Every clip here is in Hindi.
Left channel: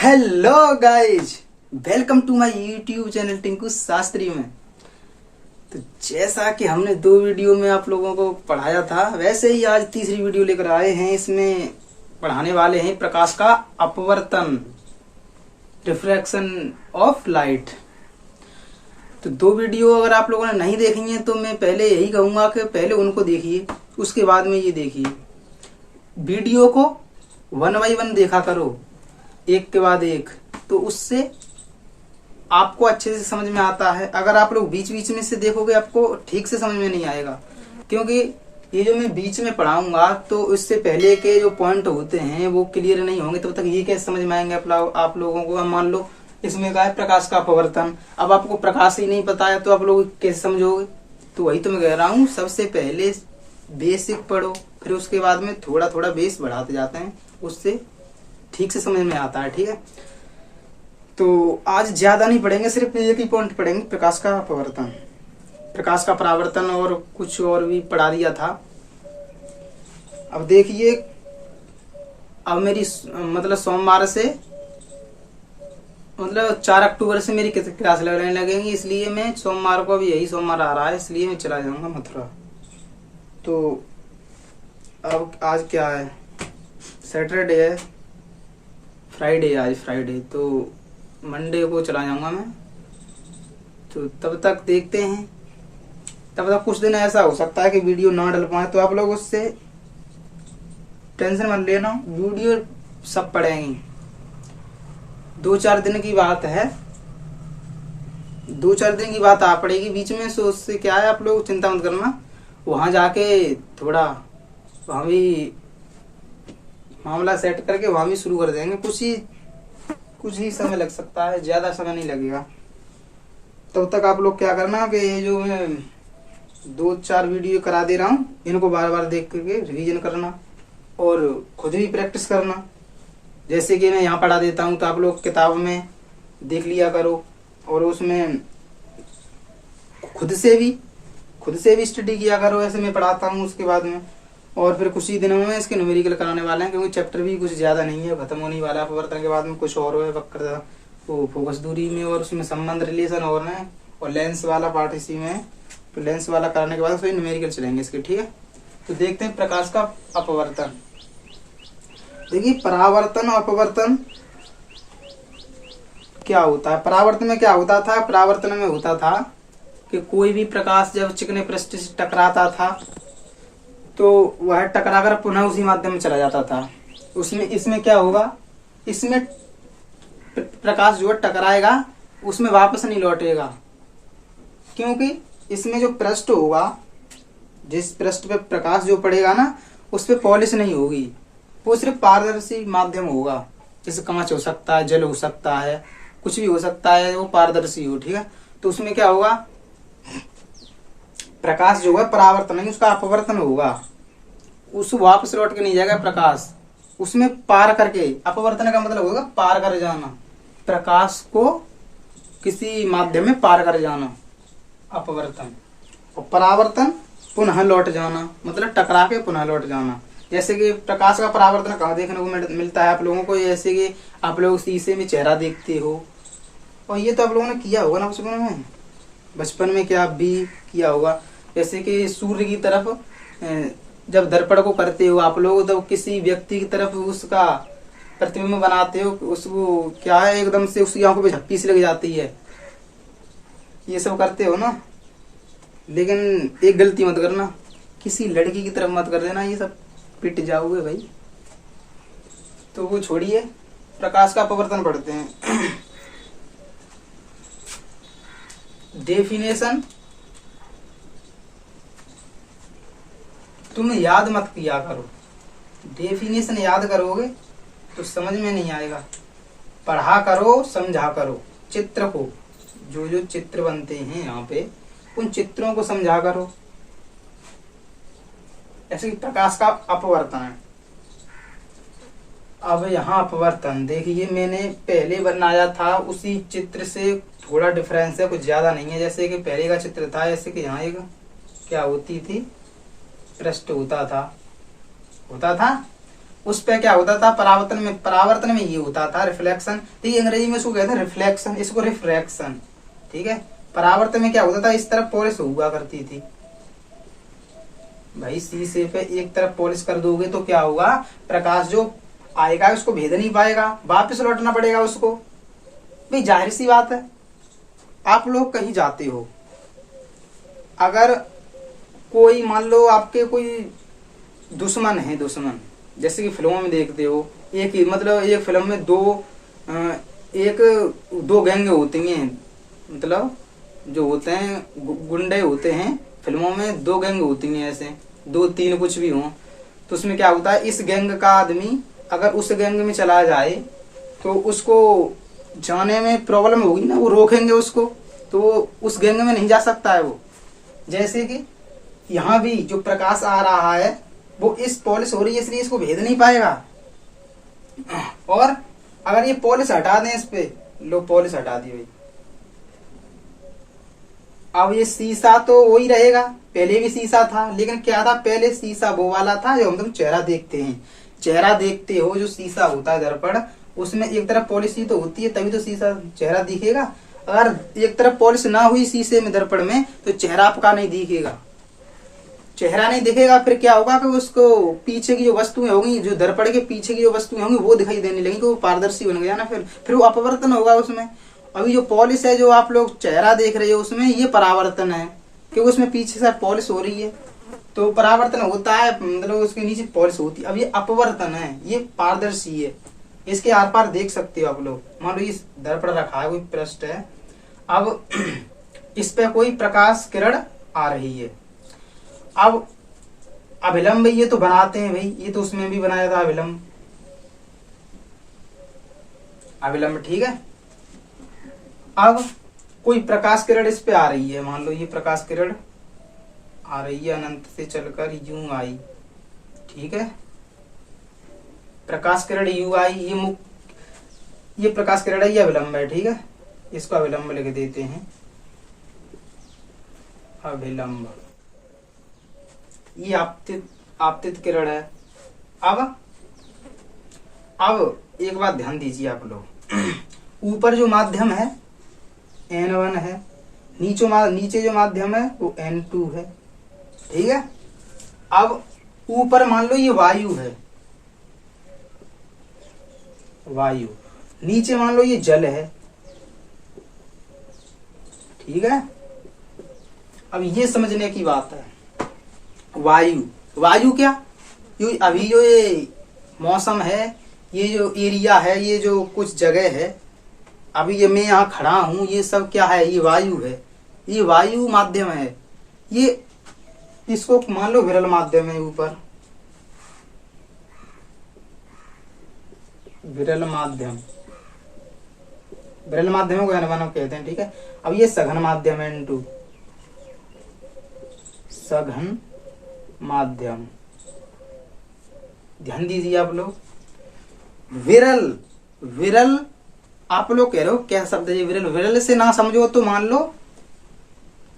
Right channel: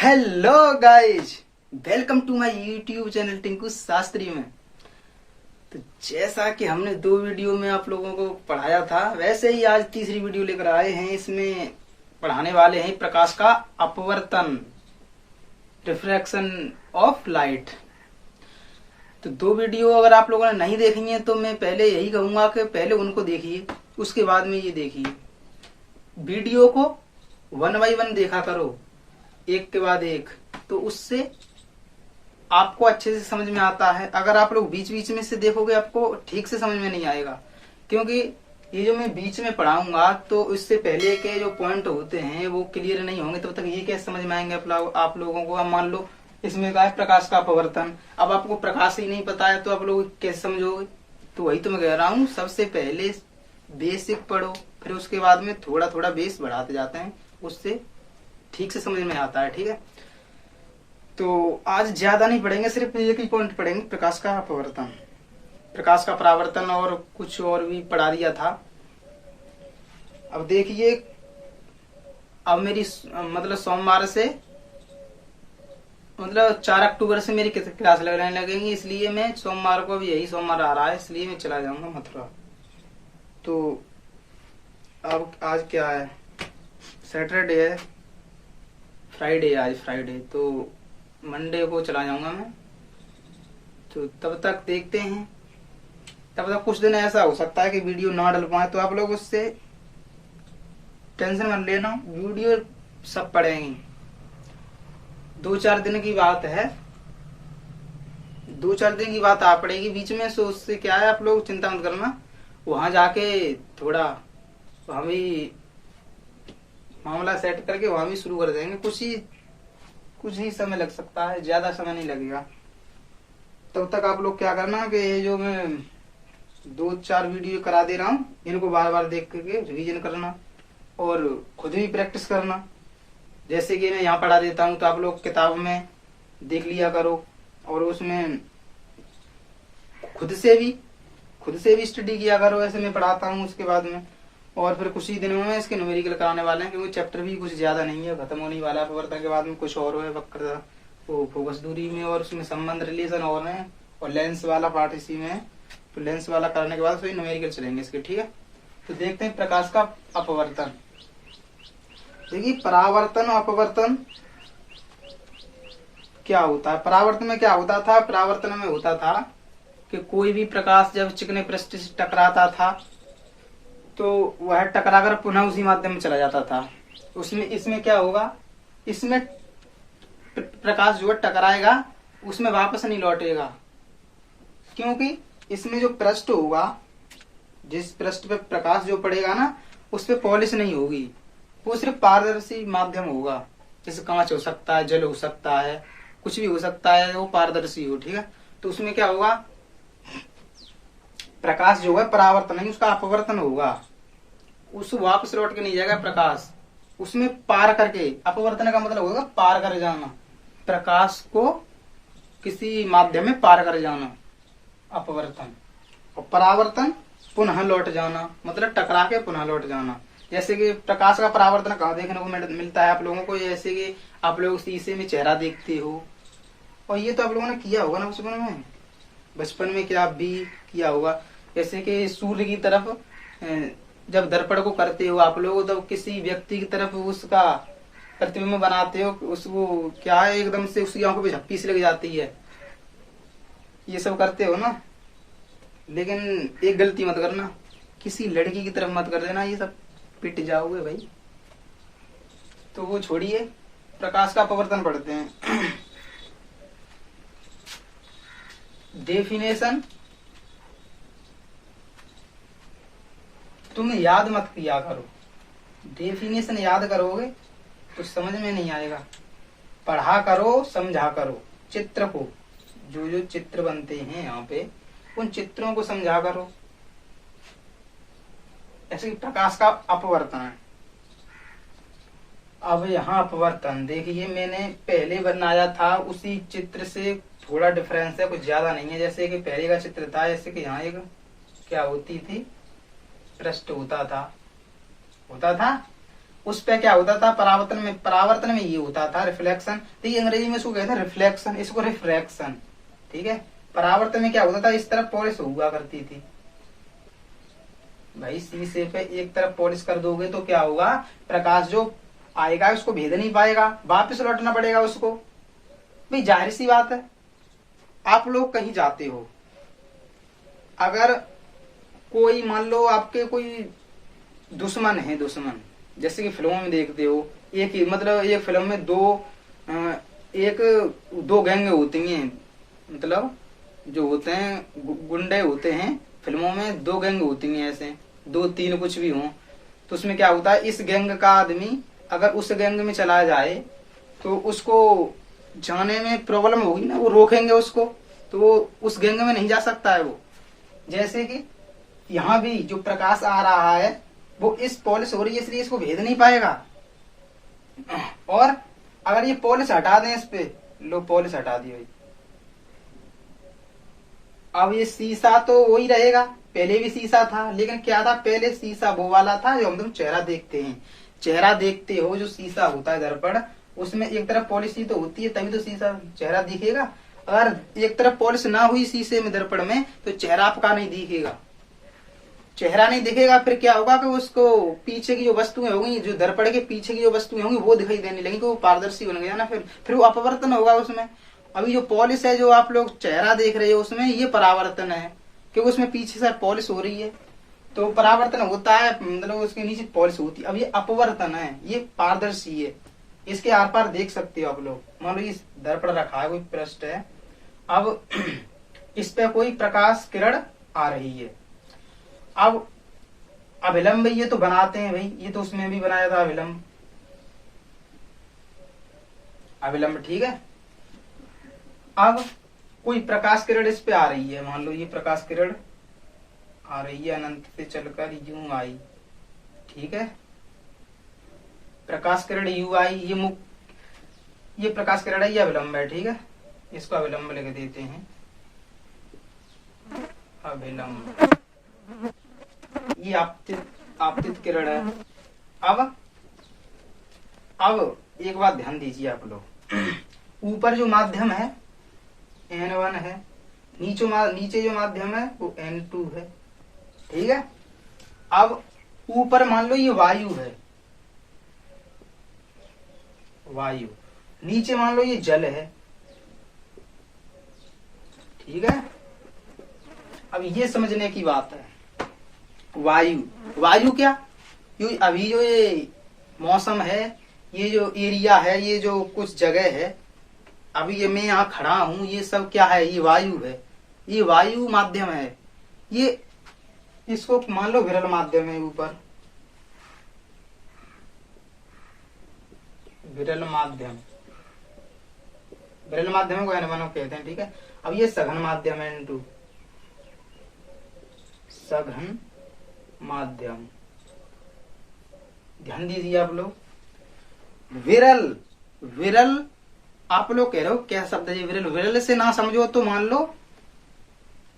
Hello guys, welcome to my YouTube channel Tinku Shastri में। तो जैसा कि हमने 2 वीडियो में आप लोगों को पढ़ाया था, वैसे ही आज तीसरी वीडियो लेकर आए हैं। इसमें पढ़ाने वाले हैं प्रकाश का अपवर्तन, रिफ्रैक्शन ऑफ लाइट। तो 2 वीडियो अगर आप लोगों ने नहीं देखी है तो मैं पहले यही कहूंगा कि पहले उनको देखिए, उसके बाद में ये देखिए। वीडियो को 1 बाय 1 देखा करो, एक के बाद एक, तो उससे आपको अच्छे से समझ में आता है। अगर आप लोग बीच बीच में से देखोगे आपको ठीक से समझ में नहीं आएगा, क्योंकि ये जो मैं बीच में पढ़ाऊंगा तो इससे पहले के जो पॉइंट होते हैं वो क्लियर नहीं होंगे, तब तक ये कैसे समझ में आएंगे आप लोगों को। अब मान लो इसमें क्या है, प्रकाश का अपवर्तन। अब आपको प्रकाश ही नहीं पता है तो आप लोग कैसे समझोगे? तो वही तो मैं कह रहा हूँ, सबसे पहले बेसिक पढ़ो, फिर उसके बाद में थोड़ा थोड़ा बेस बढ़ाते जाते हैं, उससे ठीक से समझ में आता है। ठीक है, तो आज ज्यादा नहीं पढ़ेंगे, सिर्फ एक ही पॉइंट पढ़ेंगे, प्रकाश का अपवर्तन, प्रकाश का परावर्तन, और कुछ और भी पढ़ा दिया था। अब देखिए, अब मेरी मतलब सोमवार से मतलब 4 अक्टूबर से मेरी क्लास लगने लगेंगी, इसलिए मैं सोमवार को, अभी यही सोमवार आ रहा है, इसलिए मैं चला जाऊंगा मथुरा। तो अब आज क्या है, सैटरडे है, फ्राइडे, आज फ्राइडे, तो मंडे को चला जाऊंगा मैं। तो तब तक देखते हैं, तब तक कुछ दिन ऐसा हो सकता है कि वीडियो ना डल पाए, तो आप लोग उससे टेंशन मत लेना, वीडियो सब पड़ेंगी। 2-4 दिन की बात है, 2-4 दिन की बात आ पड़ेगी बीच में, सो उससे क्या है, आप लोग चिंता मत करना। वहां जाके थोड़ा वहां भी मामला सेट करके वहां भी शुरू कर देंगे। कुछ ही समय लग सकता है, ज्यादा समय नहीं लगेगा। तब तक आप लोग क्या करना कि ये जो मैं 2-4 वीडियो करा दे रहा हूँ, इनको बार बार देख करके रिवीजन करना और खुद भी प्रैक्टिस करना। जैसे कि मैं यहाँ पढ़ा देता हूँ तो आप लोग किताब में देख लिया करो, और उसमें खुद से भी स्टडी किया करो। ऐसे मैं पढ़ाता हूँ, उसके बाद में और फिर कुछ ही दिनों में इसके न्यूमेरिकल कराने वाले हैं, क्योंकि चैप्टर भी कुछ ज्यादा नहीं है, खत्म होने वाला है। अपवर्तन के बाद में कुछ और है, वक्र, वो फोकस दूरी में, और उसमें संबंध, रिलेशन और है, और लेंस वाला पार्ट इसी में है। तो लेंस वाला करने के बाद फिर न्यूमेरिकल चलेंगे इसके। ठीक है, तो देखते हैं प्रकाश का अपवर्तन। देखिए, परावर्तन और अपवर्तन क्या होता है। परावर्तन में क्या होता था, परावर्तन में होता था कि कोई भी प्रकाश जब चिकने पृष्ठ से टकराता था तो वह टकराकर पुनः उसी माध्यम में चला जाता था। इसमें क्या होगा, इसमें प्रकाश जो है टकराएगा, उसमें वापस नहीं लौटेगा, क्योंकि इसमें जो पृष्ठ होगा, जिस पृष्ठ पे प्रकाश जो पड़ेगा ना, उस पे पॉलिश नहीं होगी, वो सिर्फ पारदर्शी माध्यम होगा। जैसे कांच हो सकता है, जल हो सकता है, कुछ भी हो सकता है, वो पारदर्शी हो। ठीक है, तो उसमें क्या होगा, प्रकाश जो है परावर्तन नहीं, उसका अपवर्तन होगा, उस वापस लौट के नहीं जाएगा प्रकाश, उसमें पार करके। अपवर्तन का मतलब होगा पार कर जाना, प्रकाश को किसी माध्यम में पार कर जाना, अपवर्तन। और परावर्तन पुनः लौट जाना, मतलब टकरा के पुनः लौट जाना। जैसे कि प्रकाश का परावर्तन कहाँ देखने को मिलता है आप लोगों को, जैसे कि आप लोग शीशे में चेहरा देखते हो, और ये तो आप लोगों ने किया होगा ना बचपन में क्या भी किया होगा। जैसे कि सूर्य की तरफ जब दर्पण को करते हो आप लोग, तो किसी व्यक्ति की तरफ उसका प्रतिबिंब बनाते हो, उसको क्या है, एकदम से उसकी आंखों पे झप्पी सी लग जाती है, ये सब करते हो ना। लेकिन एक गलती मत करना, किसी लड़की की तरफ मत कर देना, ये सब पिट जाओगे भाई। तो वो छोड़िए, प्रकाश का अपवर्तन पढ़ते हैं। डेफिनेशन तुम याद मत किया करो, डेफिनेशन याद करोगे तो समझ में नहीं आएगा। पढ़ा करो, समझा करो, चित्र को, जो जो चित्र बनते हैं यहाँ पे, उन चित्रों को समझा करो। ऐसे प्रकाश का अपवर्तन है। अब यहाँ अपवर्तन देखिए, मैंने पहले बनाया था उसी चित्र से थोड़ा डिफरेंस है, कुछ ज्यादा नहीं है। जैसे कि पहले का चित्र था, जैसे कि यहाँ एक क्या होती थी, पृष्ठ होता था, उस पे क्या होता था, परावर्तन में ये होता था रिफ्लेक्शन। ठीक है, अंग्रेजी में इसको कहते हैं रिफ्लेक्शन, इसको रिफ्रैक्शन। ठीक है, परावर्तन में क्या होता था, इस तरफ पॉलिश हुआ करती थी। भाई शीशे पे एक तरफ पॉलिश कर दोगे तो क्या होगा, प्रकाश जो आएगा उसको भेद नहीं पाएगा, वापस लौटना पड़ेगा उसको। भाई जाहिर सी बात है, आप लोग कहीं जाते हो, अगर कोई मान लो आपके कोई दुश्मन है, दुश्मन जैसे कि फिल्मों में देखते हो, एक ही मतलब एक फिल्म में दो गैंग होती हैं, मतलब जो होते हैं गुंडे होते हैं फिल्मों में, दो गैंग होती हैं, ऐसे दो तीन कुछ भी हो। तो उसमें क्या होता है, इस गैंग का आदमी अगर उस गैंग में चला जाए तो उसको जाने में प्रॉब्लम होगी ना, वो रोकेंगे उसको, तो वो उस गैंग में नहीं जा सकता है वो। जैसे कि यहाँ भी जो प्रकाश आ रहा है वो इस पॉलिश हो रही है, इसलिए इसको भेद नहीं पाएगा। और अगर ये पॉलिश हटा दें इस पे, लो पॉलिश हटा दी भाई, अब ये शीशा तो वही रहेगा, पहले भी शीशा था, लेकिन क्या था, पहले शीशा वो वाला था जो हम तुम चेहरा देखते हैं, चेहरा देखते हो जो शीशा होता है दर्पण, उसमें एक तरफ पॉलिश ही तो होती है, तभी तो शीशा चेहरा दिखेगा। अगर एक तरफ पॉलिश ना हुई शीशे में दर्पण में तो चेहरा आपका नहीं दिखेगा, चेहरा नहीं दिखेगा। फिर क्या होगा कि उसको पीछे की जो वस्तुएं होंगी, जो दर्पण के पीछे की जो वस्तुएं होंगी वो दिखाई देने लगेंगी, वो पारदर्शी बन गया ना, फिर वो अपवर्तन होगा उसमें। अभी जो पॉलिश है जो आप लोग चेहरा देख रहे हो उसमें ये परावर्तन है, क्योंकि उसमें पीछे से पॉलिश हो रही है तो परावर्तन होता है, मतलब उसके नीचे पॉलिश होती है। अब ये अपवर्तन है, ये पारदर्शी है, इसके आर पार देख सकते हो आप लोग। मान लो इस दर्पण रखा है, कोई पृष्ठ है, अब इस पे कोई प्रकाश किरण आ रही है। अब अभिलंब ये तो बनाते हैं भाई, ये तो उसमें भी बनाया था अभिलंब, अभिलंब ठीक है। अब कोई प्रकाश किरण इस पे आ रही है, मान लो ये प्रकाश किरण आ रही है, अनंत से चलकर यूं आई, ठीक है, प्रकाश किरण यूं आई, ये प्रकाश किरण है, ये अभिलंब है, ठीक है, इसको अभिलंब लिख देते हैं, अभिलंब, ये आपतित किरण है। अब एक बात ध्यान दीजिए आप लोग, ऊपर जो माध्यम है N1 है, नीचे जो माध्यम है वो N2 है, ठीक है। अब ऊपर मान लो ये वायु है, वायु, नीचे मान लो ये जल है, ठीक है। अब ये समझने की बात है, वायु क्या, अभी जो ये मौसम है, ये जो एरिया है, ये जो कुछ जगह है, अभी ये मैं यहाँ खड़ा हूं, ये सब क्या है, ये वायु है, ये वायु माध्यम है। ये इसको मान लो विरल माध्यम है, ऊपर विरल माध्यम को N1 कहते हैं, ठीक है। अब ये सघन माध्यम है N2, सघन माध्यम, ध्यान दीजिए आप लोग। विरल आप लोग कह रहे हो क्या शब्द है विरल, विरल से ना समझो तो मान लो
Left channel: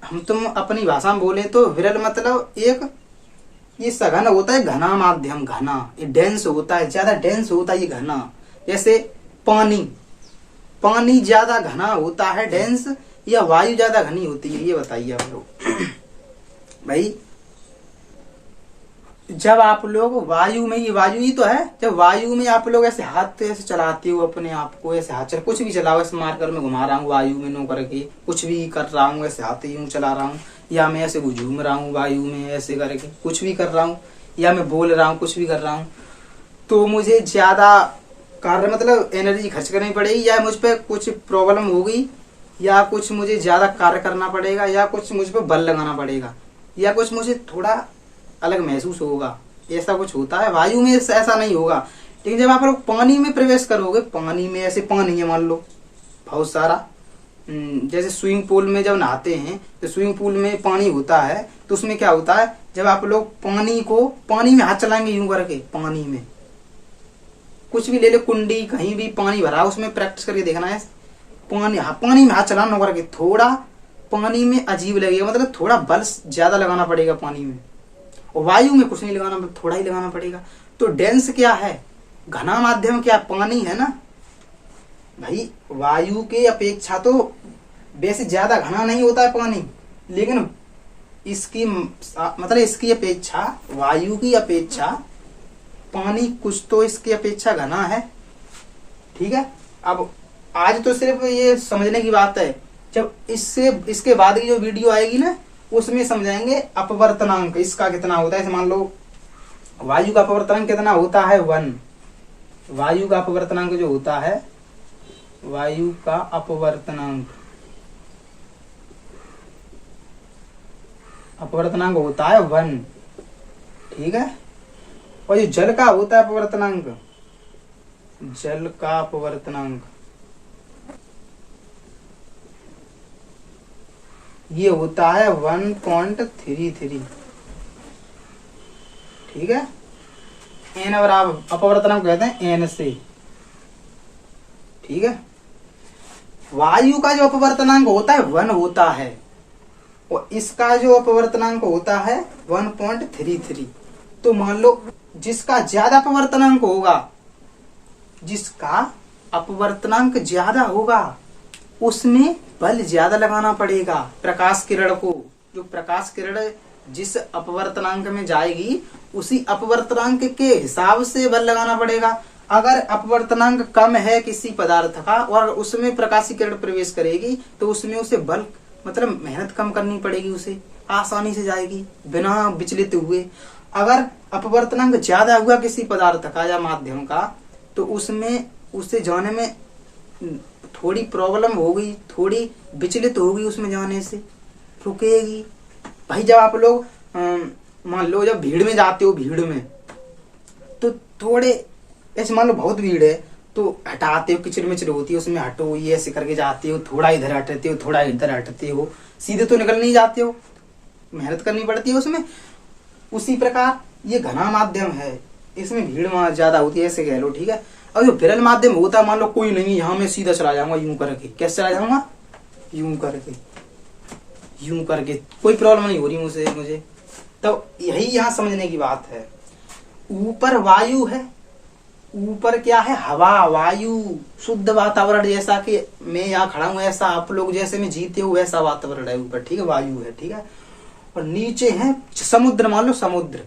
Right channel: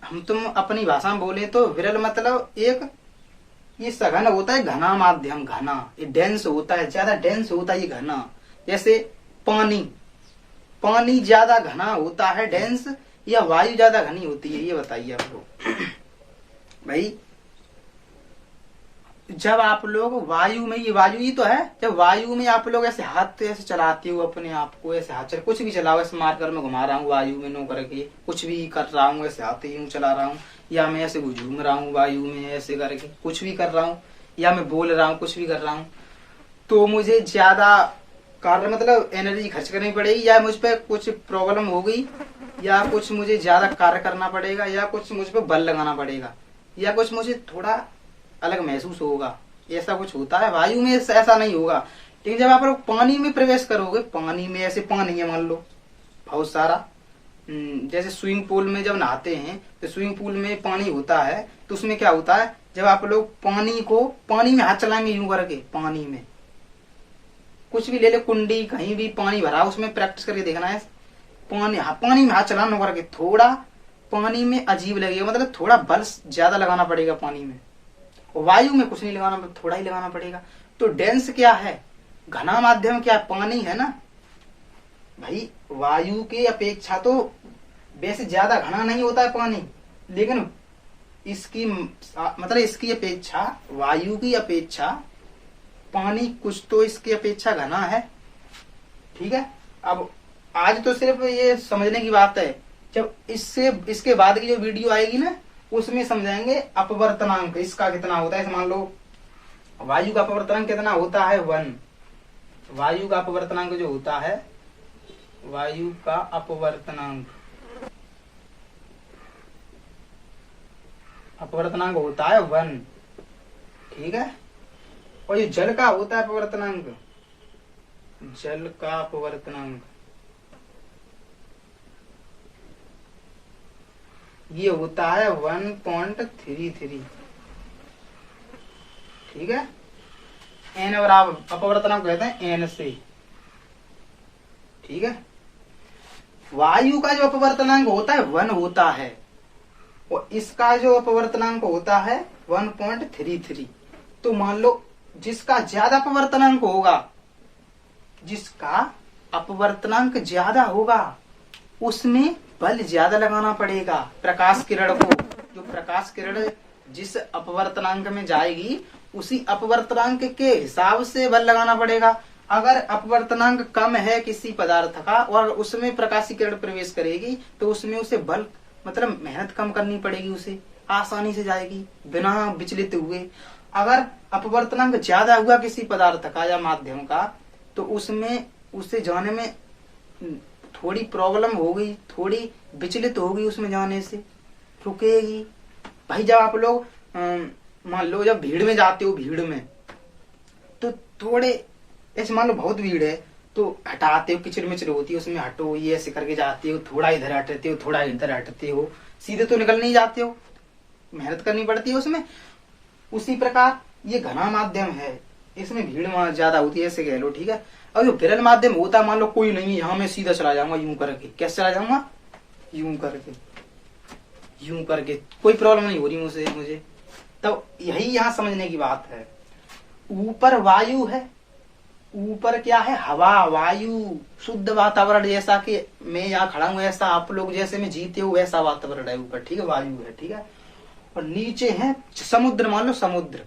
हम तुम अपनी भाषा में बोले तो विरल मतलब एक, ये सघन होता है, घना माध्यम, घना, ये डेंस होता है, ज्यादा डेंस होता है ये घना। जैसे पानी ज्यादा घना होता है, डेंस, या वायु ज्यादा घनी होती है, ये बताइए आप लोग। भाई जब आप लोग वायु में, ये वायु ही तो है, जब वायु में आप लोग ऐसे हाथ ऐसे चलाते हो अपने आप को, ऐसे हाथ कुछ भी चलाओ, ऐसे मारकर मैं घुमा रहा हूँ वायु में, नो करके कुछ भी कर रहा हूँ, ऐसे हाथ यूं चला रहा हूँ, या मैं ऐसे झूम रहा हूँ वायु में ऐसे करके कुछ भी कर रहा हूँ, या मैं बोल रहा हूँ कुछ भी कर रहा हूँ, तो मुझे ज्यादा कार्य मतलब एनर्जी खर्च करनी पड़ेगी, या मुझ पर कुछ प्रॉब्लम होगी, या कुछ मुझे ज्यादा कार्य करना पड़ेगा, या कुछ मुझ पर बल लगाना पड़ेगा, या कुछ मुझे थोड़ा अलग महसूस होगा, ऐसा कुछ होता है। वायु में ऐसा नहीं होगा। लेकिन जब आप लोग पानी में प्रवेश करोगे, पानी में ऐसे पानी है मान लो बहुत सारा, जैसे स्विमिंग पूल में जब नहाते हैं तो स्विमिंग पूल में पानी होता है, तो उसमें क्या होता है, जब आप लोग पानी में हाथ चलाएंगे यूं करके, पानी में कुछ भी ले ले, कुंडी कहीं भी पानी भरा, उसमें प्रैक्टिस करके देखना है, पानी में हाथ चलाना करके, थोड़ा पानी में अजीब लगेगा, मतलब थोड़ा बल ज्यादा लगाना पड़ेगा पानी में, और वायु में कुछ नहीं लगाना, थोड़ा ही लगाना पड़ेगा। तो डेंस क्या है, घना माध्यम क्या, पानी है ना भाई। वायु के अपेक्षा तो वैसे ज्यादा घना नहीं होता है पानी, लेकिन इसकी मतलब इसकी अपेक्षा, वायु की अपेक्षा पानी कुछ तो इसकी अपेक्षा घना है। ठीक है, अब आज तो सिर्फ ये समझने की बात है, जब इसके बाद की जो वीडियो आएगी ना उसमें समझाएंगे अपवर्तनांक इसका कितना होता है। मान लो वायु का अपवर्तनांक कितना होता है 1। वायु का अपवर्तनांक जो होता है, वायु का अपवर्तनांक होता है 1। ठीक है, और जो जल का होता है अपवर्तनांक, जल का अपवर्तनांक ये होता है 1.33। ठीक है, एन बराबर अपवर्तनांक कहते हैं एन से। ठीक है, वायु का जो अपवर्तनांक होता है 1 होता है और इसका जो अपवर्तनांक होता है 1.33। तो मान लो जिसका ज्यादा अपवर्तनांक होगा, जिसका अपवर्तनांक ज्यादा होगा उसमें बल ज्यादा लगाना पड़ेगा प्रकाश किरण को। जो प्रकाश किरण जिस अपवर्तनांक में जाएगी उसी अपवर्तनांक के हिसाब से बल लगाना पड़ेगा। अगर अपवर्तनांक कम है किसी पदार्थ का और उसमें प्रकाश किरण प्रवेश करेगी तो उसमें उसे बल मतलब मेहनत कम करनी पड़ेगी, उसे आसानी से जाएगी बिना विचलित हुए। अगर अपवर्तनांक ज्यादा हुआ किसी पदार्थ का या माध्यम का तो उसमें उसे जाने में थोड़ी प्रॉब्लम होगी, थोड़ी विचलित होगी, उसमें जाने से रुकेगी। भाई जब आप लोग मान लो जब भीड़ में जाते हो, भीड़ में तो थोड़े ऐसे मान लो बहुत भीड़ है तो हटाते हो, किचड़ मिचड़ होती है उसमें हटो, ये ऐसे करके जाते हो, थोड़ा इधर हटते हो, थोड़ा इधर हटते हो, सीधे तो निकल नहीं जाते हो, मेहनत करनी पड़ती है उसमें। उसी प्रकार ये घना माध्यम है, इसमें भीड़ ज्यादा होती है ऐसे कह लो। ठीक है, और जो विरल माध्यम होता है, मान लो कोई नहीं, यहाँ मैं सीधा चला जाऊंगा यूं करके। कैसे चला जाऊंगा? यूं करके, यूं करके, कोई प्रॉब्लम नहीं हो रही मुझे। तो यही यहाँ समझने की बात है। ऊपर वायु है, ऊपर क्या है? हवा, वायु, शुद्ध वातावरण। जैसा कि मैं यहाँ खड़ा हूँ ऐसा आप लोग जैसे में जीते हो वैसा वातावरण है ऊपर। ठीक है, वायु है। ठीक है, और नीचे है समुद्र। मान लो समुद्र,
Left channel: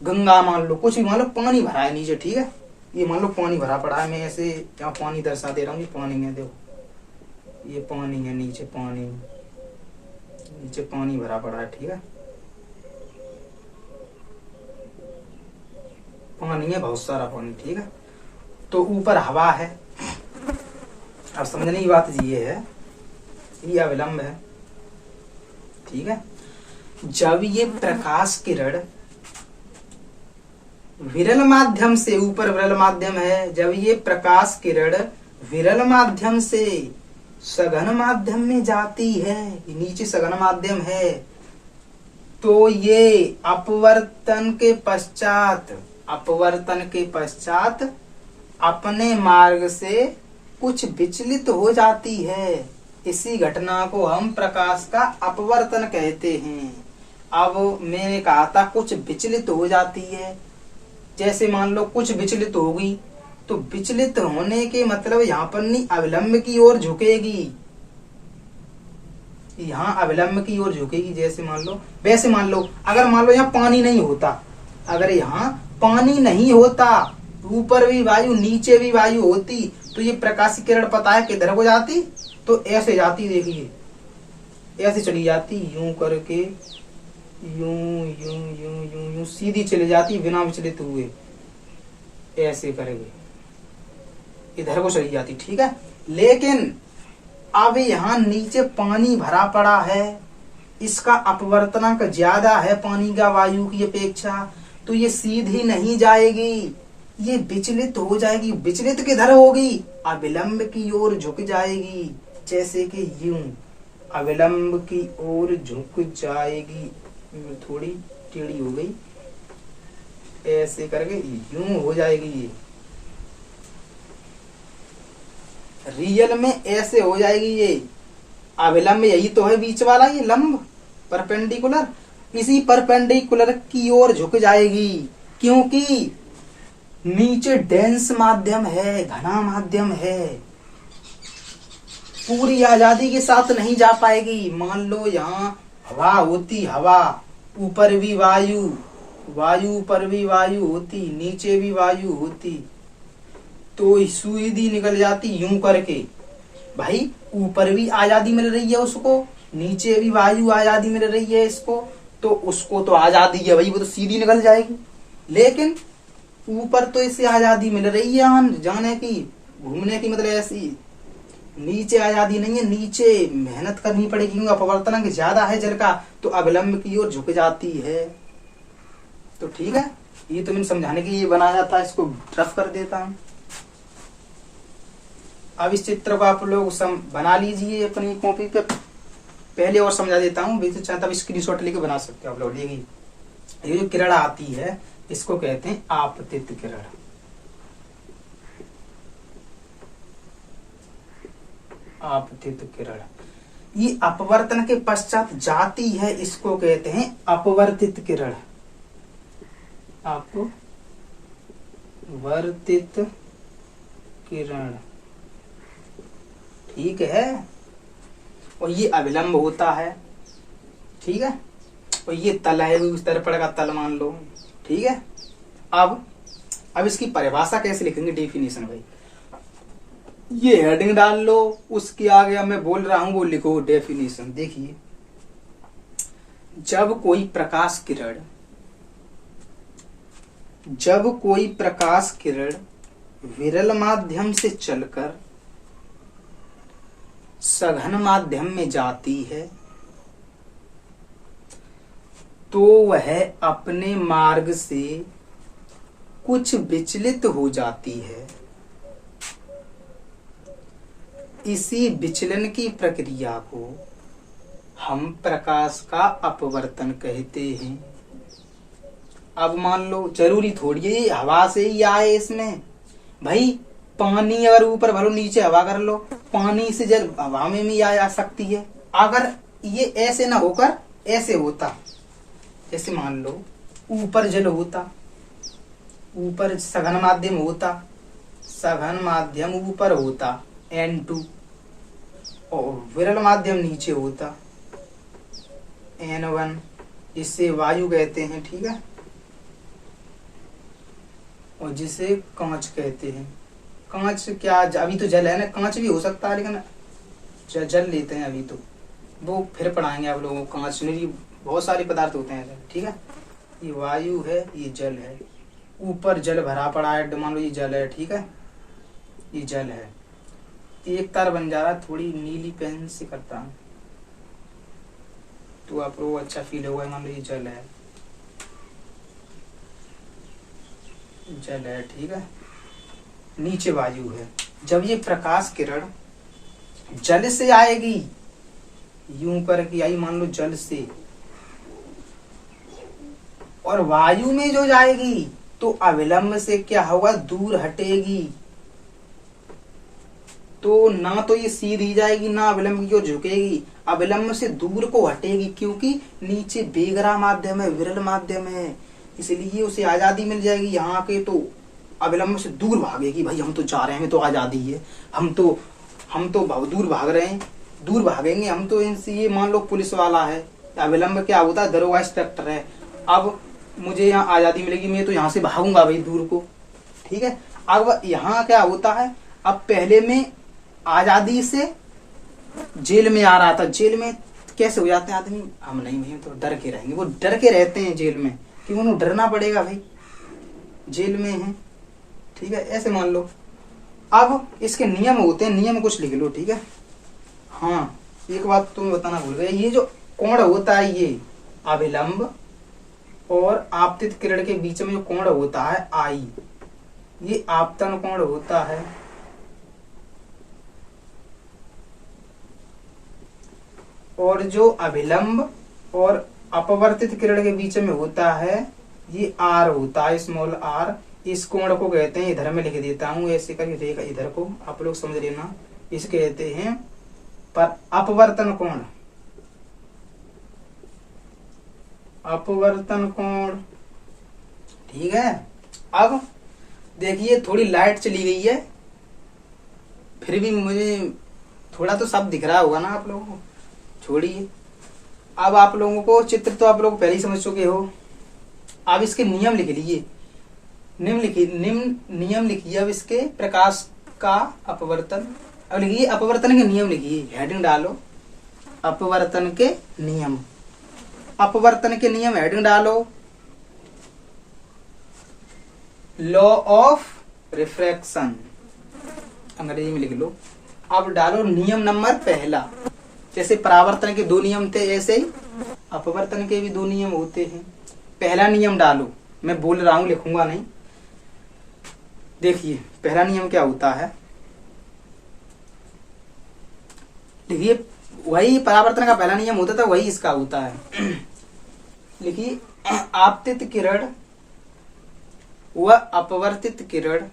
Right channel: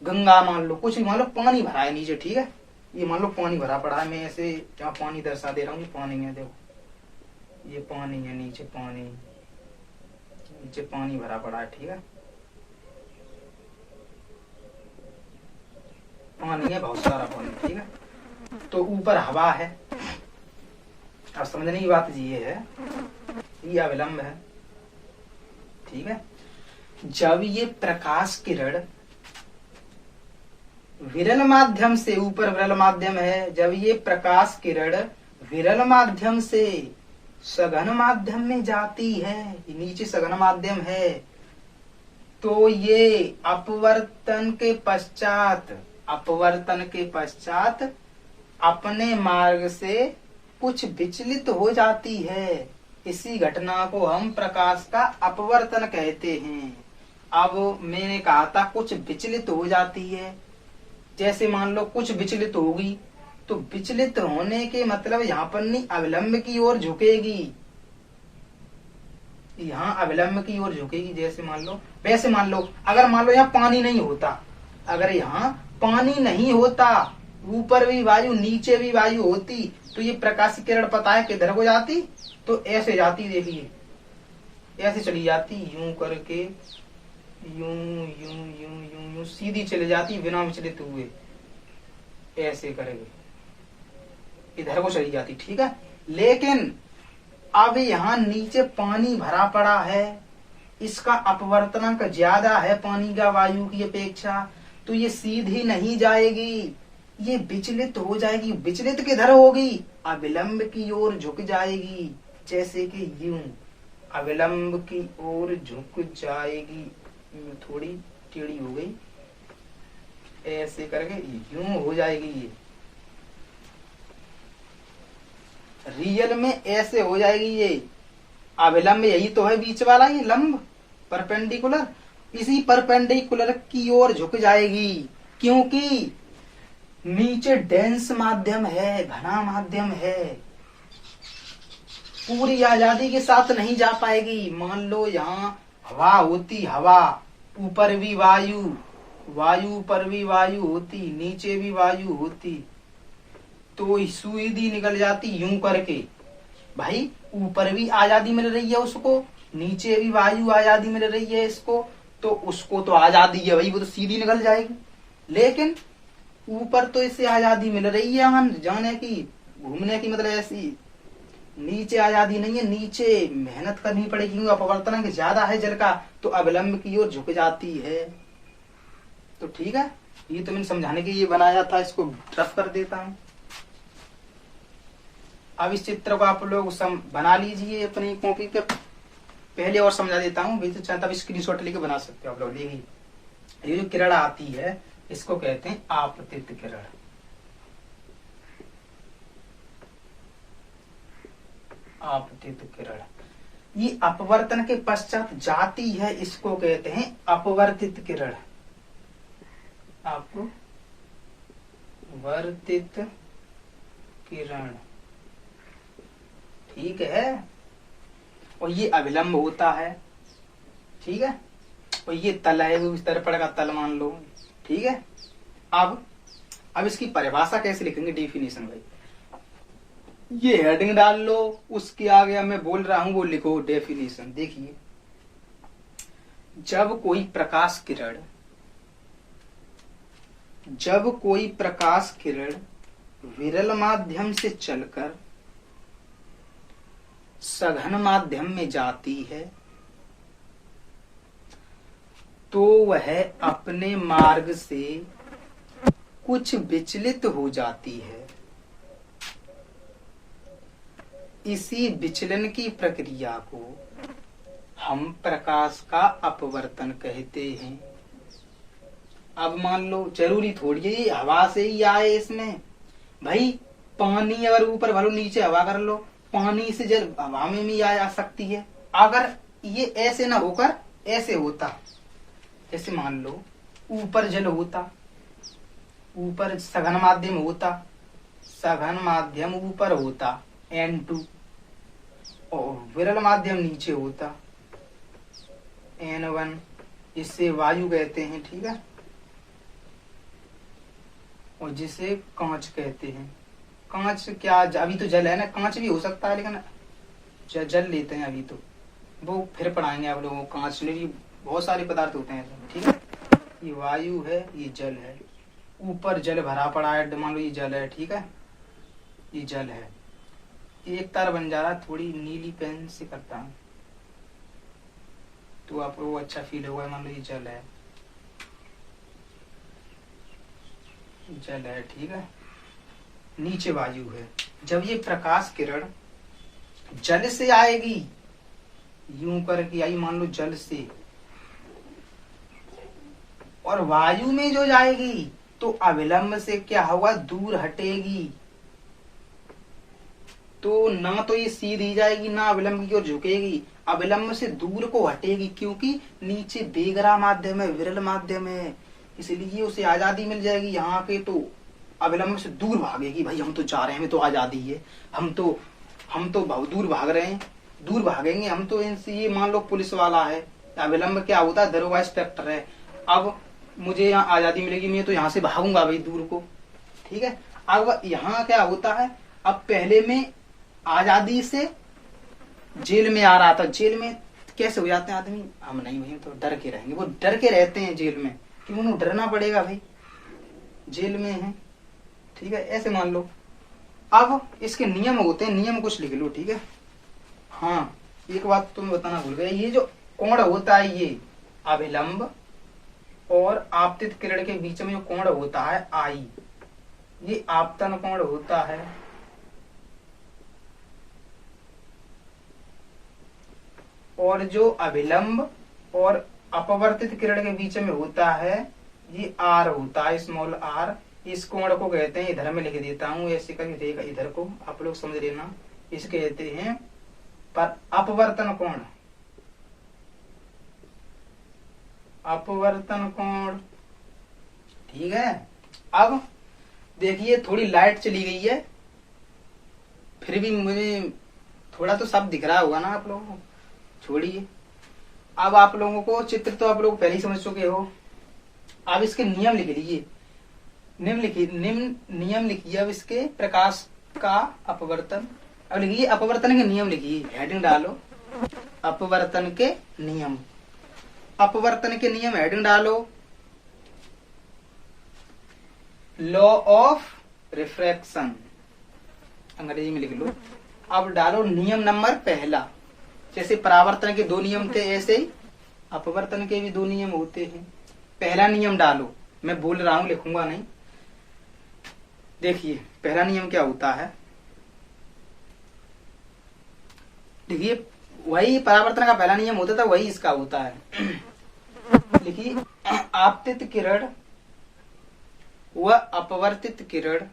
गंगा मान लो, कुछ भी मान लो, पानी भरा है नीचे। ठीक है, ये मान लो पानी भरा पड़ा है, मैं ऐसे यहाँ पानी दर्शा दे रहा हूँ, ये पानी है, देखो ये पानी है, नीचे पानी, नीचे पानी भरा पड़ा है। ठीक है, पानी है, बहुत सारा पानी। ठीक है, तो ऊपर हवा है। अब समझने की बात ये है, ये अविलंब है। ठीक है, जब ये प्रकाश किरण विरल माध्यम से, ऊपर विरल माध्यम है, जब ये प्रकाश किरण विरल माध्यम से सघन माध्यम में जाती है, नीचे सघन माध्यम है, तो ये अपवर्तन के पश्चात अपने मार्ग से कुछ विचलित हो जाती है। इसी घटना को हम प्रकाश का अपवर्तन कहते हैं। अब मैंने कहा था कुछ विचलित हो जाती है, जैसे मान लो कुछ विचलित होगी, तो विचलित होने के मतलब यहाँ पर नहीं, अविलंब की ओर झुकेगी, यहाँ अविलंब की ओर झुकेगी। जैसे मान लो, वैसे मान लो अगर मान लो यहाँ पानी नहीं होता, अगर यहाँ पानी नहीं होता, ऊपर भी वायु नीचे भी वायु होती, तो ये प्रकाश किरण पता है किधर को जाती? तो ऐसे जाती, देखिए ऐसे चली जाती, यूं करके, यूं यूं यूं यूं यूं सीधी चली जाती बिना विचलित हुए, ऐसे करके इधर को चली जाती। ठीक है, लेकिन अब यहाँ नीचे पानी भरा पड़ा है, इसका अपवर्तनांक ज्यादा है पानी का वायु की अपेक्षा, तो ये सीधी नहीं जाएगी, ये विचलित हो जाएगी। विचलित किधर होगी? अविलंब की ओर झुक जाएगी, जैसे कि यूं अविलंब की ओर झुक जाएगी। थोड़ी टेढ़ी हो गई, ऐसे करके यूं हो जाएगी। ये रियल में ऐसे हो जाएगी। ये अविलंब यही तो है बीच वाला, ये लंब परपेंडिकुलर, इसी परपेंडिकुलर की ओर झुक जाएगी, क्योंकि नीचे डेंस माध्यम है, घना माध्यम है, पूरी आजादी के साथ नहीं जा पाएगी। मान लो यहाँ हवा होती, हवा ऊपर भी वायु, वायु ऊपर भी वायु होती, नीचे भी वायु होती, तो सुई निकल जाती यूं करके। भाई ऊपर भी आजादी मिल रही है उसको, नीचे भी वायु आजादी मिल रही है इसको, तो उसको तो आजादी है भाई, वो तो सीधी निकल जाएगी। लेकिन ऊपर तो इससे आजादी मिल रही है हम जाने की, घूमने की, मतलब ऐसी। नीचे आजादी नहीं है, नीचे मेहनत करनी पड़ेगी क्योंकि अपवर्तनांक ज्यादा है जल का, तो अविलंब की ओर झुक जाती है। तो ठीक है, ये तो मैंने समझाने के लिए बनाया था, इसको रफ कर देता हूं। अब इस चित्र को आप लोग बना लीजिए अपनी कॉपी पे, पहले और समझा देता हूँ, तब स्क्रीनशॉट लेके बना सकते हो आप लोग। ये जो किरण आती है इसको कहते हैं आपतित किरण। आपतित किरण ये अपवर्तन के पश्चात जाती है, इसको कहते हैं अपवर्तित किरण। अपवर्तित किरण, ठीक है। और ये अविलंब होता है, ठीक है। और ये तल है, उस दर्पण का तल मान लो, ठीक है। अब इसकी परिभाषा कैसे लिखेंगे, डेफिनेशन भाई। ये हेडिंग डाल लो, उसके आगे मैं बोल रहा हूं वो लिखो डेफिनेशन। देखिए, जब कोई प्रकाश किरण विरल माध्यम से चलकर सघन माध्यम में जाती है तो वह अपने मार्ग से कुछ विचलित हो जाती है। इसी विचलन की प्रक्रिया को हम प्रकाश का अपवर्तन कहते हैं। अब मान लो, जरूरी थोड़ी है हवा से ही आए इसमें, भाई पानी अगर ऊपर भरो नीचे हवा कर लो, पानी से जल हवा में भी आ जा सकती है। अगर ये ऐसे ना होकर ऐसे होता, जैसे मान लो ऊपर जल होता, ऊपर सघन माध्यम होता, सघन माध्यम ऊपर होता N2, और विरल माध्यम नीचे होता N1, जिसे वायु कहते हैं, ठीक है। और जिसे कांच कहते हैं। कांच क्या, अभी तो जल है ना, कांच भी हो सकता है, लेकिन जल लेते हैं अभी तो, वो फिर पढ़ाएंगे आप लोगों को। कांच में बहुत सारे पदार्थ होते हैं, ठीक है। ये वायु है, ये जल है, ऊपर जल भरा पड़ा है, मान लो ये जल है, ठीक है, ये जल है। एक तार बन जा रहा है, थोड़ी नीली पेन से करता हूं तो आपको अच्छा फील होगा। मान लो ये जल है, ठीक है, नीचे वायु है। जब ये प्रकाश किरण जल से आएगी, यूं करके आई, मान लो जल से, और वायु में जो जाएगी तो अविलंब से क्या होगा, दूर हटेगी। तो ना तो ये सीधी जाएगी, ना अविलंब की ओर झुकेगी, अविलंब से दूर को हटेगी, क्योंकि नीचे बेगरा माध्यम है, विरल माध्यम है, इसलिए उसे आजादी मिल जाएगी। यहाँ के तो अविलंब से दूर भागेगी, भाई हम तो जा रहे हैं, हमें तो आजादी है, हम तो बहुत दूर भाग रहे हैं, दूर भागेंगे हम तो इनसे। ये मान लो पुलिस वाला है, अविलंब क्या होता है, दरोगा इंस्पेक्टर है। अब मुझे यहाँ आजादी मिलेगी, मैं तो यहाँ से भागूंगा भाई दूर को, ठीक है। अब यहाँ क्या होता है, अब पहले में आजादी से जेल में आ रहा था, जेल में कैसे हो जाते हैं आदमी, हम नहीं हुए तो डर के रहेंगे, वो डर के रहते हैं जेल में, क्यों, उन्हें डरना पड़ेगा भाई, जेल में है, ठीक है। ऐसे मान लो, अब इसके नियम होते हैं, नियम कुछ लिख लो, ठीक है। हाँ, एक बात तुम्हें बताना भूल गया, ये जो कोण होता है, ये अविलंब और आपतित किरण के बीच में जो कोण होता है आई, ये आपतन कोण होता है। और जो अविलंब और अपवर्तित किरण के बीच में होता है, ये आर होता है, स्मॉल आर। इस कोण को कहते हैं, इधर में लिख देता हूं ऐसे करके, देखा इधर को आप लोग समझ लेना, इसे कहते हैं पर अपवर्तन कोण, अपवर्तन कोण, ठीक है। अब देखिए थोड़ी लाइट चली गई है, फिर भी मुझे थोड़ा तो सब दिख रहा होगा ना आप लोगों को। छोड़िए, अब आप लोगों को चित्र तो आप लोग पहले ही समझ चुके हो। अब इसके नियम लिख लीजिए, नियम लिखिए। अब इसके प्रकाश का अपवर्तन, अब लिखिए अपवर्तन के नियम लिखिए, हेडिंग डालो अपवर्तन के नियम। अपवर्तन के नियम हेडिंग डालो, लॉ ऑफ रिफ्रैक्शन अंग्रेजी में लिख लो। अब डालो नियम नंबर पहला। जैसे परावर्तन के 2 नियम थे, ऐसे ही अपवर्तन के भी 2 नियम होते हैं। पहला नियम डालो, मैं बोल रहा हूं, लिखूंगा नहीं। देखिए पहला नियम क्या होता है, देखिए वही परावर्तन का पहला नियम होता था, वही इसका होता है। लिखिए आपतित किरण व अपवर्तित किरण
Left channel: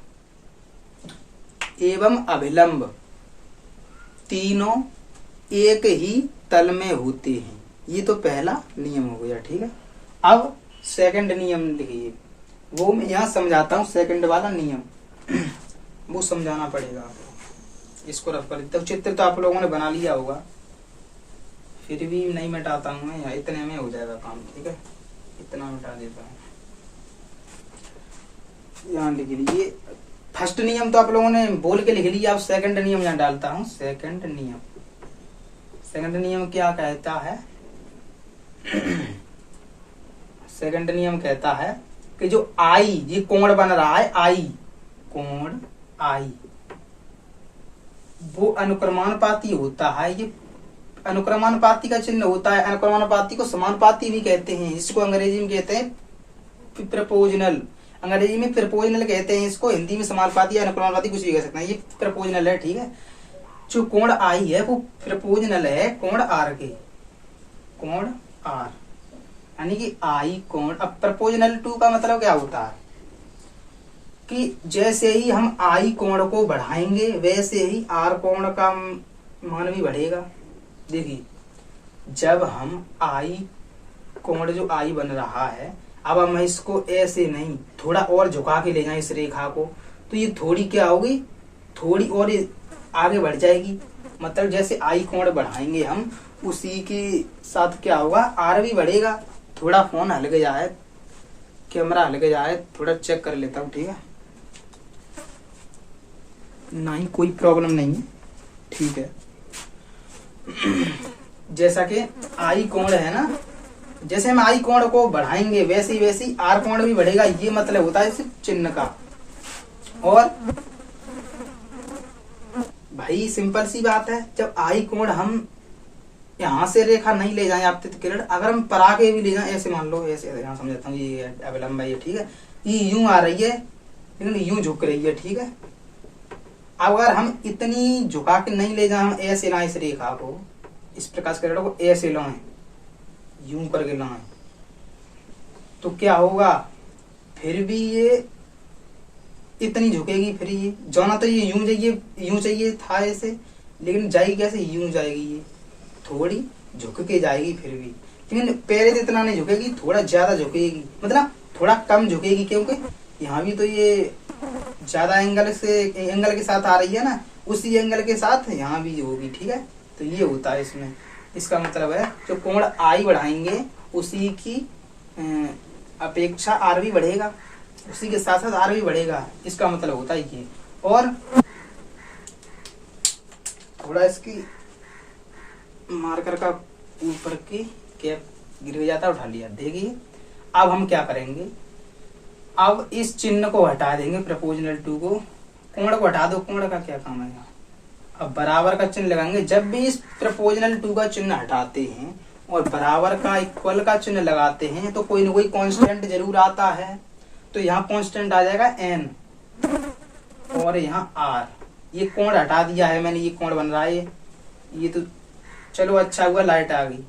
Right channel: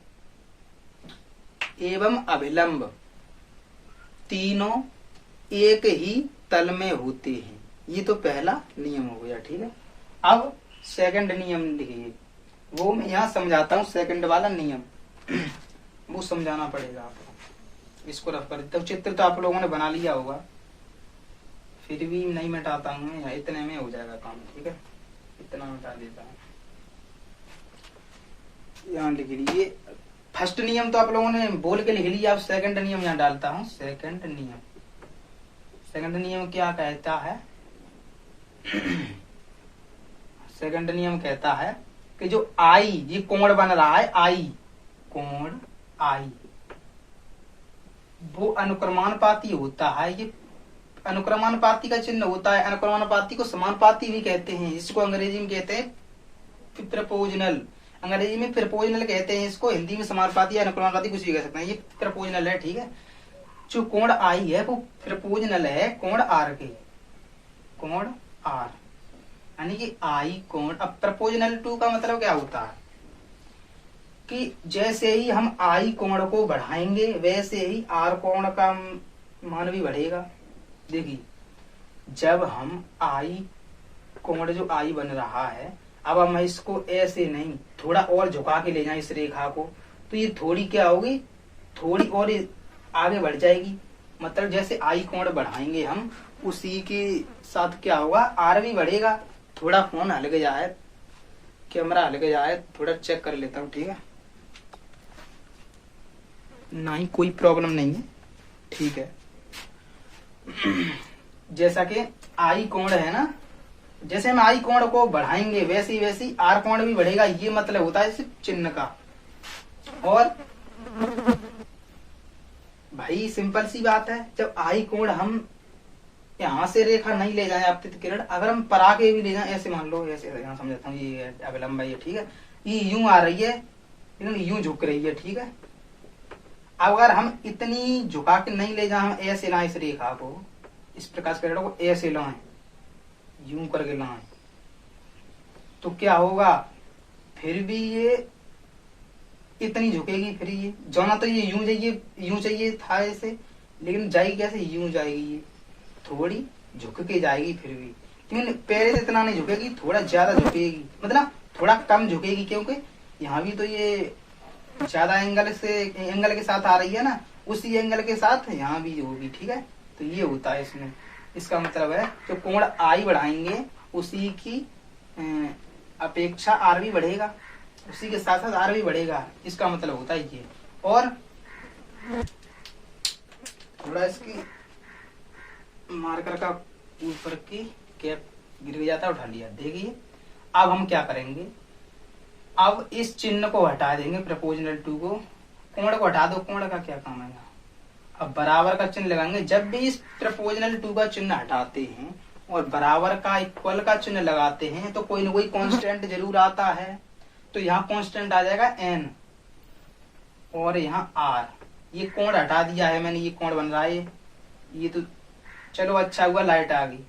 एवं अभिलंब तीनों एक ही तल में होते हैं। ये तो पहला नियम हो गया, ठीक है। अब सेकंड नियम लिखिए, वो मैं यहाँ समझाता हूँ। सेकंड वाला नियम वो समझाना पड़ेगा आपको। इसको रफ कर, तब चित्र तो आप लोगों ने बना लिया होगा, फिर भी नहीं मिटाता हूँ मैं, इतने में हो जाएगा काम, ठीक है। इतना मिटा देता हूँ। यहाँ लिख लीजिए फर्स्ट नियम तो आप लोगों ने बोल के लिख लिया। अब सेकंड नियम यहाँ डालता हूँ। सेकंड नियम क्या कहता है? सेकंड नियम कहता है कि जो आई, ये कोण बन रहा है आई, कोण आई, वो अनुक्रमानुपाती होता है। ये अनुक्रमानुपाती का चिन्ह होता है। अनुक्रमानुपाती को समानुपाती भी कहते हैं, इसको अंग्रेजी में कहते हैं प्रपोजनल। अंग्रेजी में प्रपोजनल कहते हैं इसको, हिंदी में समानुपाती या अनुक्रमानुपाती कुछ भी कह सकते हैं। ये प्रपोजनल है, ठीक है। जो कोण आई है वो प्रपोजनल है कोण आर के, कोण आर, यानी कि आई कोण। अब प्रपोजनल टू का मतलब क्या होता है कि जैसे ही हम आई कोण को बढ़ाएंगे वैसे ही आर कोण का मान भी बढ़ेगा। देखिए जब हम आई कोण, जो आई बन रहा है, अब हम इसको ऐसे नहीं, थोड़ा और झुका के ले जाएं इस रेखा को, तो ये थोड़ी क्या होगी, थोड़ी और आगे बढ़ जाएगी। मतलब जैसे आई कोण बढ़ाएंगे हम, उसी के साथ क्या होगा, आर भी बढ़ेगा। थोड़ा फोन हल गया है, कैमरा हल गया है, थोड़ा चेक कर लेता हूँ, ठीक है। नहीं कोई प्रॉब्लम नहीं है, ठीक है। जैसा कि आई कोण है ना, जैसे हम आई कोण को बढ़ाएंगे वैसे ही आर कोण भी बढ़ेगा। ये मतलब होता है इस चिन्ह का। और भाई सिंपल सी बात है, जब आई कोण हम यहां से रेखा नहीं ले जाए आपतित किरण, अगर हम परा के भी ले जाए, ऐसे मान लो, ऐसे यहाँ समझाता हूँ, ये अविलंब है, ये ठीक है, ये यूं आ रही है लेकिन यूं झुक रही है, ठीक है। अगर हम इतनी झुका के नहीं ले जाए, हम ऐसे लाए इस रेखा को, इस प्रकार से किरण को ऐसे लाए, यूं करके लाए, तो क्या होगा, फिर भी ये इतनी झुकेगी। फिर ये जाना तो ये यूं चाहिए था ऐसे, लेकिन जाएगी कैसे, यूं जाएगी, ये थोड़ी झुक के जाएगी फिर भी, लेकिन पैरे तो इतना नहीं झुकेगी, थोड़ा ज्यादा झुकेगी, मतलब थोड़ा कम झुकेगी, क्योंकि यहाँ भी तो ये ज्यादा एंगल के साथ आ रही है ना, उसी एंगल के साथ यहाँ भी होगी, ठीक है। तो ये होता है इसमें। इसका मतलब है जो कोण आई बढ़ाएंगे उसी की अपेक्षा आर भी बढ़ेगा, उसी के साथ साथ आर भी बढ़ेगा। इसका मतलब होता है ये। और थोड़ा इसकी मार्कर का ऊपर की कैप गिर जाता है, उठा लिया। देखिए अब हम क्या करेंगे, अब इस चिन्ह को हटा देंगे, प्रपोजनल टू को, कोण को हटा दो, कोण का क्या काम है। अब बराबर का चिन्ह लगाएंगे। जब भी इस प्रपोजनल टू का चिन्ह हटाते हैं और बराबर का इक्वल का चिन्ह लगाते हैं तो कोई न कोई कांस्टेंट जरूर आता है। तो यहाँ कांस्टेंट आ जाएगा n और यहाँ r। ये कोण हटा दिया है मैंने, ये कोण बन रहा है ये तो चलो अच्छा हुआ लाइट आ गई।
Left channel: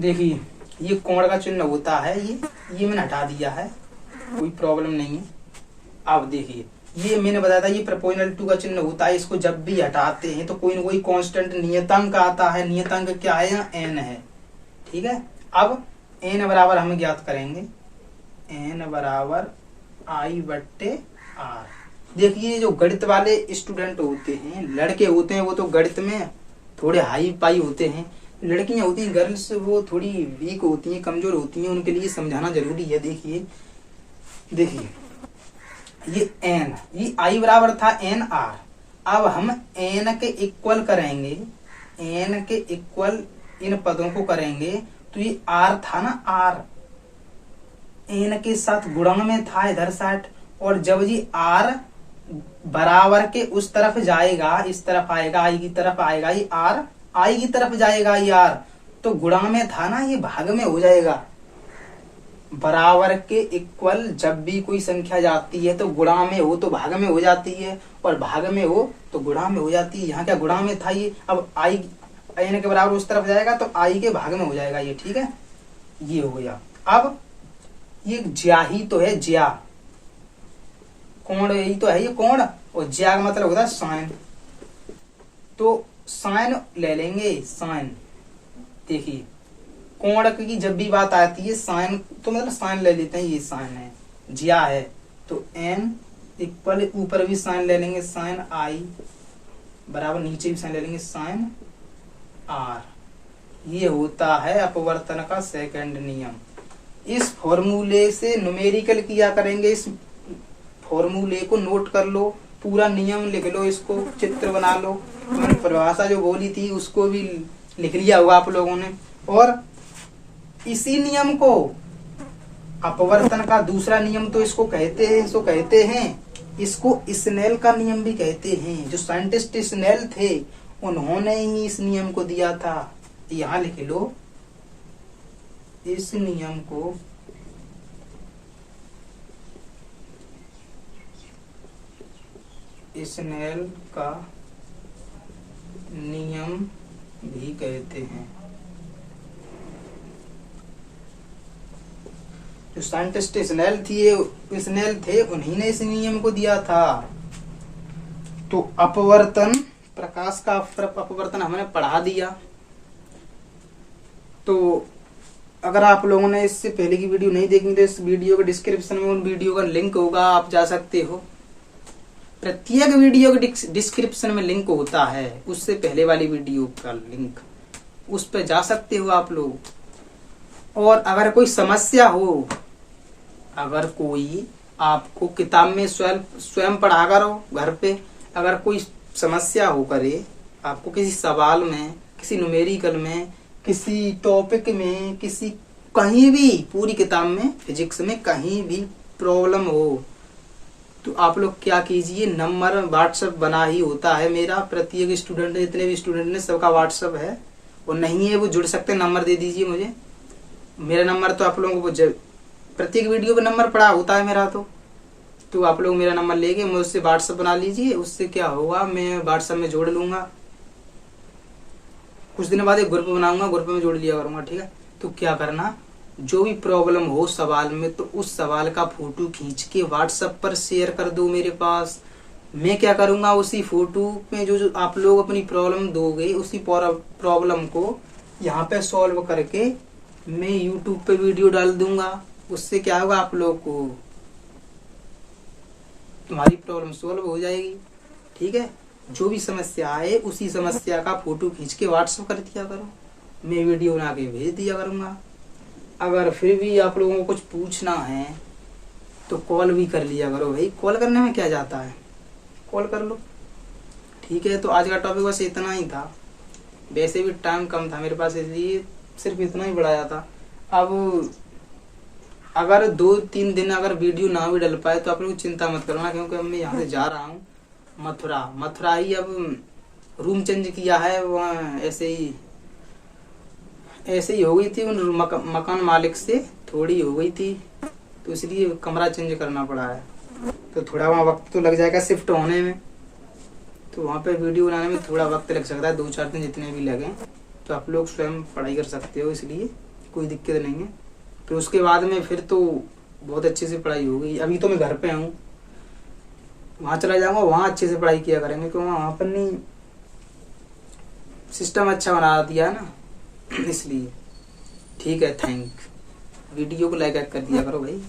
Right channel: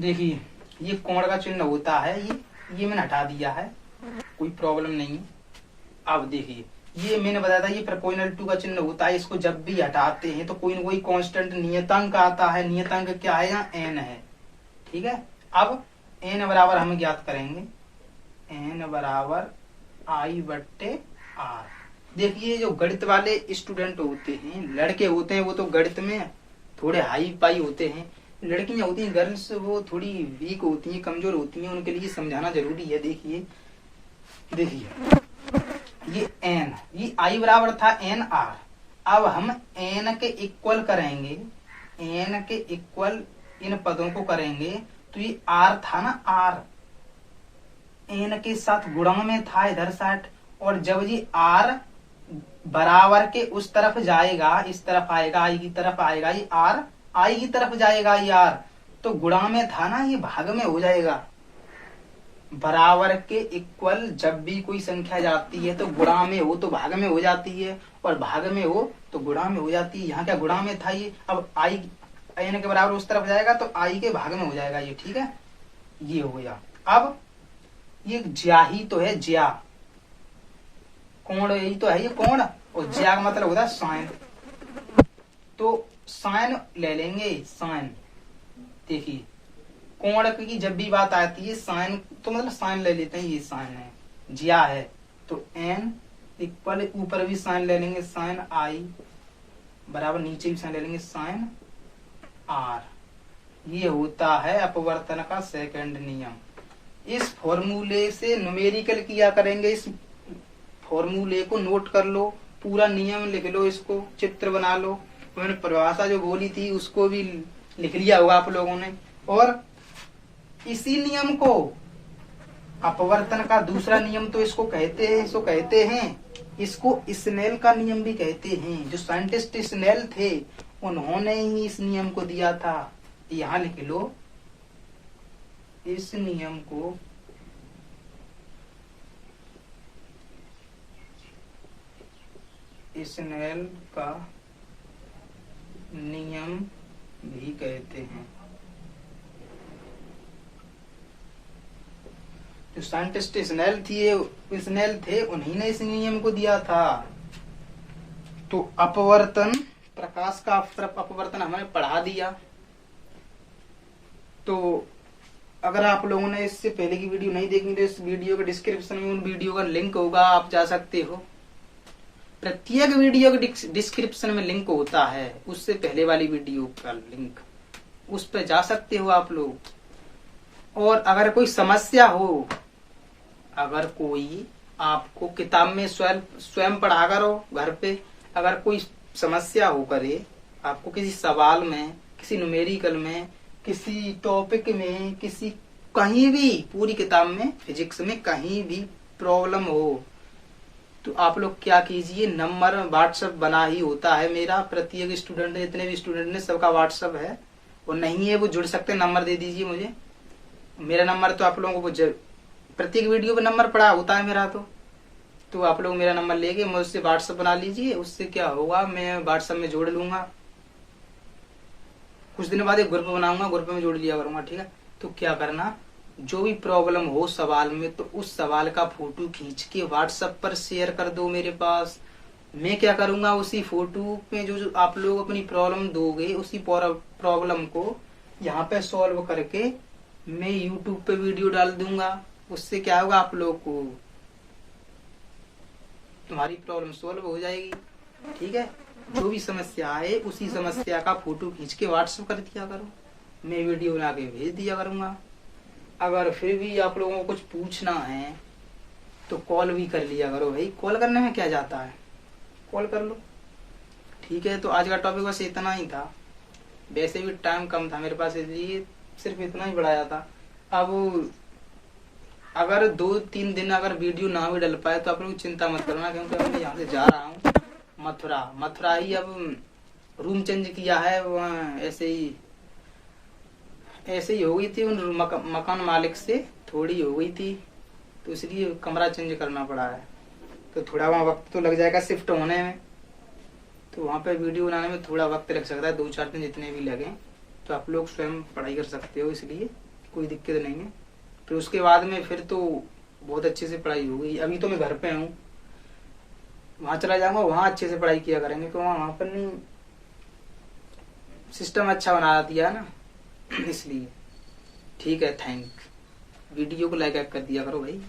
देखिए ये कोण का चिन्ह होता है, ये मैंने हटा दिया है, कोई प्रॉब्लम नहीं है। अब देखिए ये मैंने बताया था, ये प्रपोजनल टू का चिन्ह होता है, इसको जब भी हटाते हैं तो कोई न कोई कांस्टेंट नियतांक आता है। नियतांक क्या है, यहाँ n है, ठीक है। अब n बराबर हम ज्ञात करेंगे, n बराबर I/R। देखिए जो गणित वाले स्टूडेंट होते हैं, लड़के होते हैं, वो तो गणित में थोड़े हाई पाई होते हैं। लड़कियां होती हैं गर्ल्स, वो थोड़ी वीक होती हैं, कमजोर होती हैं, उनके लिए समझाना जरूरी है। देखिए ये n, ये I बराबर था NR। अब हम n के इक्वल करेंगे, n के इक्वल इन पदों को करेंगे, तो ये R था ना, R n के साथ गुणन में था इधर साइड, और जब ये R बराबर के उस तरफ जाएगा, इस तरफ आएगा, I की तरफ आएगा, ये R I की तरफ जाएगा, ये R तो गुणा में था ना, ये भाग में हो जाएगा। बराबर के इक्वल जब भी कोई संख्या जाती है तो गुणा में हो तो भाग में हो जाती है, और भाग में हो तो गुणा में हो जाती है। यहाँ क्या गुणा में था ये, अब I n के बराबर उस तरफ जाएगा तो I के भाग में हो जाएगा ये, ठीक है, ये हो गया। अब ये ज्या ही तो है, ज्या कोण यही तो है, ये कोण, और ज्या का मतलब होता है साइन, तो साइन ले लेंगे, साइन। देखिए कोण की जब भी बात आती है साइन, तो मतलब साइन ले लेते हैं, ये साइन है, ज्या है, तो n इक्वल ऊपर भी साइन ले लेंगे, साइन I बराबर नीचे भी साइन ले लेंगे, साइन R। ये होता है अपवर्तन का सेकंड नियम। इस फॉर्मूले से न्यूमेरिकल किया करेंगे, इस फॉर्मूले को नोट कर लो, पूरा नियम लिख लो, इसको चित्र बना लो। मैंने परिभाषा जो बोली थी उसको भी लिख लिया होगा आप लोगों ने। और इसी नियम को अपवर्तन का दूसरा नियम तो इसको कहते हैं, इसको स्नेल का नियम भी कहते हैं। जो साइंटिस्ट स्नेल थे उन्होंने ही इस नियम को दिया था। यहाँ लिख लो, इस नियम को स्नेल का नियम भी कहते हैं। जो साइंटिस्ट स्नेल थे उन्हीं ने इस नियम को दिया था। तो अपवर्तन, प्रकाश का अपवर्तन हमने पढ़ा दिया। तो अगर आप लोगों ने इससे पहले की वीडियो नहीं देखी तो इस वीडियो के डिस्क्रिप्शन में उन वीडियो का लिंक होगा, आप जा सकते हो। प्रत्येक वीडियो के डिस्क्रिप्शन में लिंक होता है, उससे पहले वाली वीडियो का लिंक, उस पर जा सकते हो आप लोग। और अगर कोई समस्या हो, अगर कोई आपको किताब में स्वयं पढ़ा करो घर पे, अगर कोई समस्या हो करे आपको किसी सवाल में, किसी न्यूमेरिकल में, किसी टॉपिक में, किसी कहीं भी, पूरी किताब में, फिजिक्स में कहीं भी प्रॉब्लम हो, तो आप लोग क्या कीजिए, नंबर व्हाट्सएप बना ही होता है मेरा। प्रत्येक स्टूडेंट, जितने भी स्टूडेंट ने सबका व्हाट्सएप है, और नहीं है वो जुड़ सकते, नंबर दे दीजिए मुझे। मेरा नंबर तो आप लोगों को प्रत्येक वीडियो पे नंबर पड़ा होता है मेरा, तो आप लोग मेरा नंबर लेके मुझसे व्हाट्सएप बना लीजिए। उससे क्या होगा, मैं व्हाट्सएप में जोड़ लूंगा, कुछ दिन बाद एक ग्रुप बनाऊंगा, ग्रुप में जोड़ लिया करूंगा, ठीक है। तो क्या करना, जो भी प्रॉब्लम हो सवाल में, तो उस सवाल का फोटो खींच के व्हाट्सएप पर शेयर कर दो मेरे पास। मैं क्या करूंगा, उसी फोटो में जो आप लोग अपनी प्रॉब्लम दोगे, उसी प्रॉब्लम को यहाँ पे सॉल्व करके मैं यूट्यूब पे वीडियो डाल दूंगा। उससे क्या होगा, आप लोग को तुम्हारी प्रॉब्लम सॉल्व हो जाएगी, ठीक है। जो भी समस्या आए उसी समस्या का फोटो खींच के व्हाट्सएप कर दिया करो, मैं वीडियो बना के भेज दिया करूंगा। अगर फिर भी आप लोगों को कुछ पूछना है तो कॉल भी कर लिया करो भाई, कॉल करने में क्या जाता है, कॉल कर लो, ठीक है। तो आज का टॉपिक बस इतना ही था, वैसे भी टाइम कम था मेरे पास, इसलिए सिर्फ इतना ही बढ़ाया था। अब अगर 2-3 दिन अगर वीडियो ना भी डल पाए तो आप लोग चिंता मत करना, क्योंकि मैं यहाँ से जा रहा हूँ मथुरा ही। अब रूम चेंज किया है, वहाँ ऐसे ही हो गई थी, उन मकान मालिक से थोड़ी हो गई थी, तो इसलिए कमरा चेंज करना पड़ा है। तो थोड़ा वहाँ वक्त तो लग जाएगा शिफ्ट होने में, तो वहाँ पे वीडियो बनाने में थोड़ा वक्त लग सकता है, 2-4 दिन जितने भी लगे। तो आप लोग स्वयं पढ़ाई कर सकते हो, इसलिए कोई दिक्कत नहीं है। फिर उसके बाद में फिर तो बहुत अच्छे से पढ़ाई हो गई। अभी तो मैं घर पे हूँ, वहाँ चला जाऊंगा, वहाँ अच्छे से पढ़ाई किया करेंगे, क्योंकि वहाँ पर नहीं सिस्टम अच्छा बना दिया है ना, इसलिए। ठीक है, वीडियो को लाइक कर दिया करो भाई।